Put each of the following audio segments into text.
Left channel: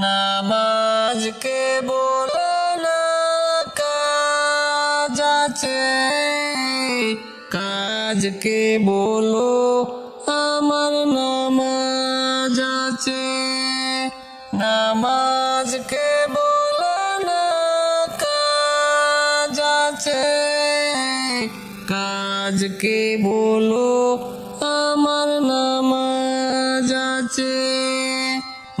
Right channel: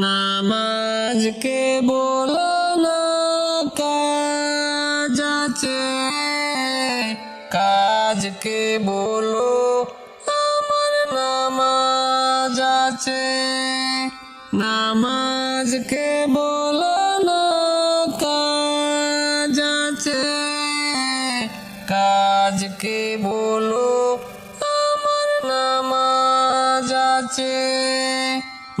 নামাজকে বলো না কাজ আছে, কাজকে বলো আমার নামাজ আছে। নামাজকে বলো না কাজ আছে, কাজকে বলো আমার নামাজ আছে।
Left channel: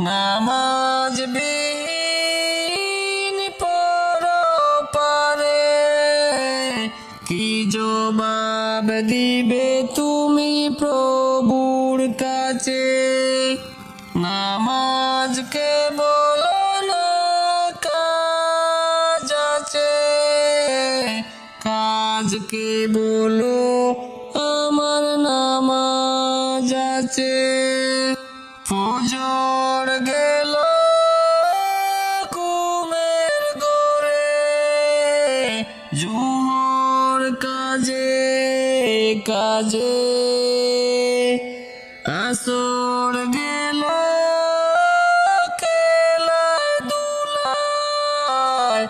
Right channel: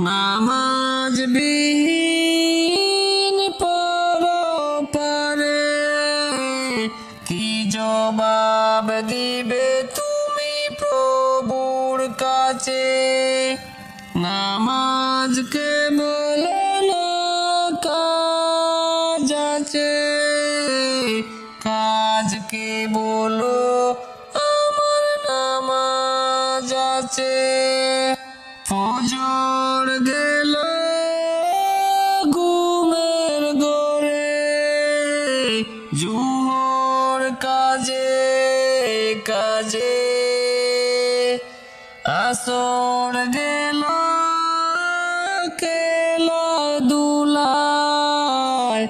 নামাজ বিহীন পরপারে কি জবাব দিবে তুমি প্রভুর কাছে? নামাজকে বলো না কাজ আছে, কাজকে বলো আমার নামাজ আছে। ফজর গেল ঘুমের ঘোরে, জোহর কাজে কাজে, আসর গেল খেলাধুলায়,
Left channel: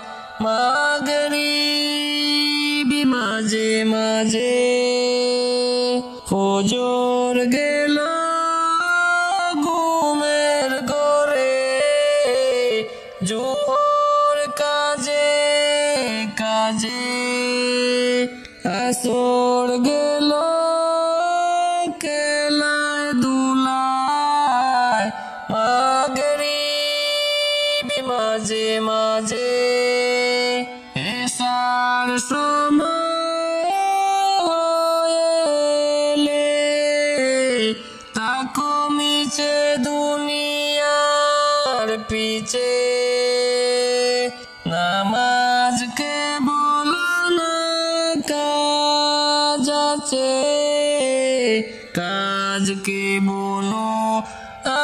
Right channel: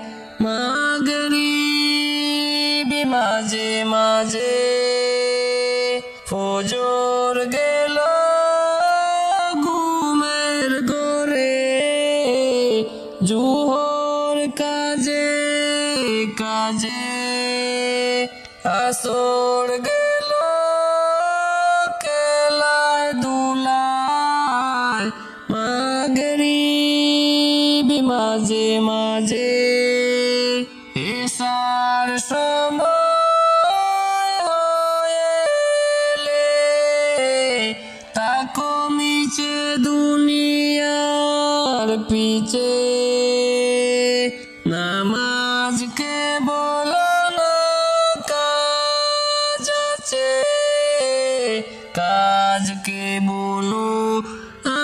মাগরিব মাঝে মাঝে। ফজর গেল ঘুমের ঘোরে, জোহর কাজে কাজে, আসর গেল খেলাধুলায়, মাগরিব মাঝে মাঝে। এশার সময় হয়েলে তাকো মিছে দুনিয়ার পিছে। নামাজকে বলো না কাজ আছে, কাজকে বলো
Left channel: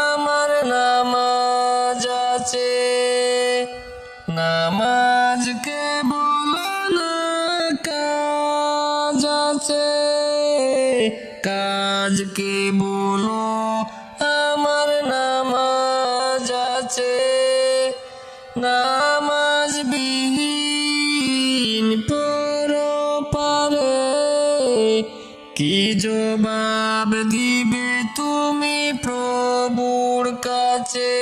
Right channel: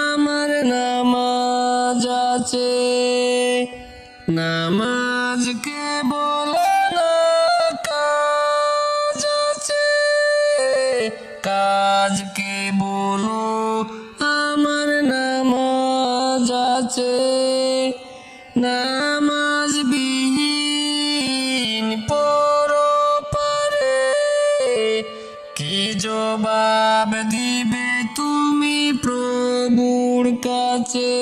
আমার নামাজ আছে। নামাজকে বলো না কাজ আছে, কাজকে বলো আমার নামাজ আছে। নামাজ বিহীন পরপারে কি জবাব দিবে তুমি প্রভুর কাছে?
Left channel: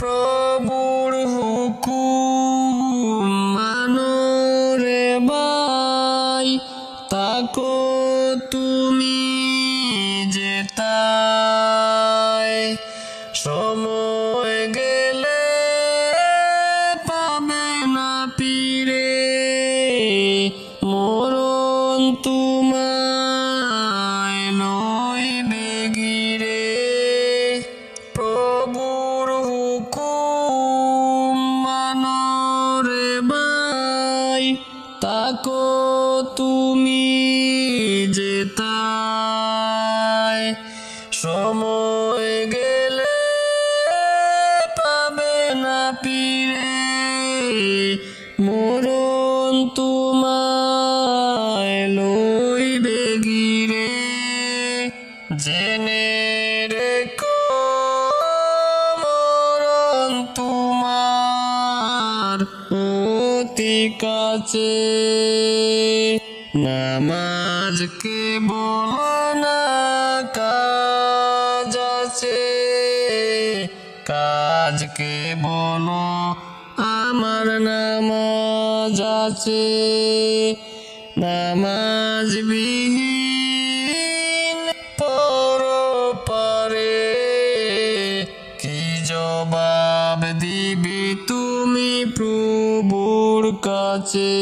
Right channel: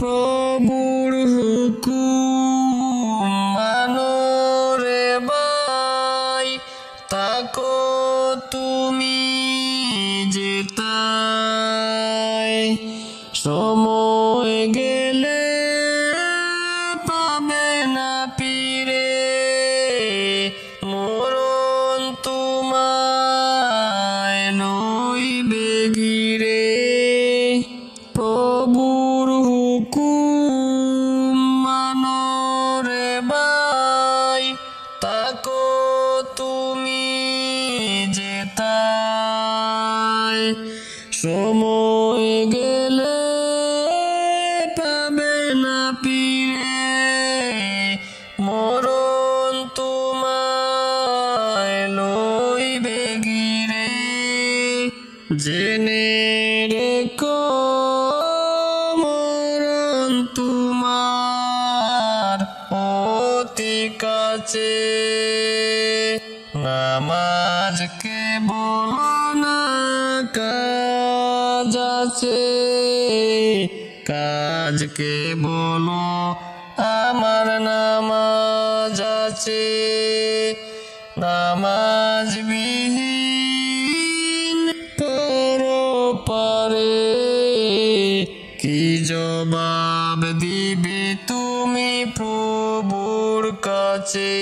প্রভুর হুকুম মানো রে ভাই, তাকো তুমি যেতাই। সময় গেলে পাবে না ফিরে, মরণ তোমায় লইবে ঘিরে। প্রভুর হুকুম মানো রে ভাই, তাকো তুমি যেতাই। সময় গেলে পাবে না ফিরে, মরণ তোমায় লইবে ঘিরে। জেনে রেখো মরণ তোমার অতি কাছে। নামাজকে বলো না কাজ আছে, কাজকে বলো আমার নামাজ আছে। নামাজ বিহীন পরপারে কি জবাব দিবে তুমি প্রভুর কাছে?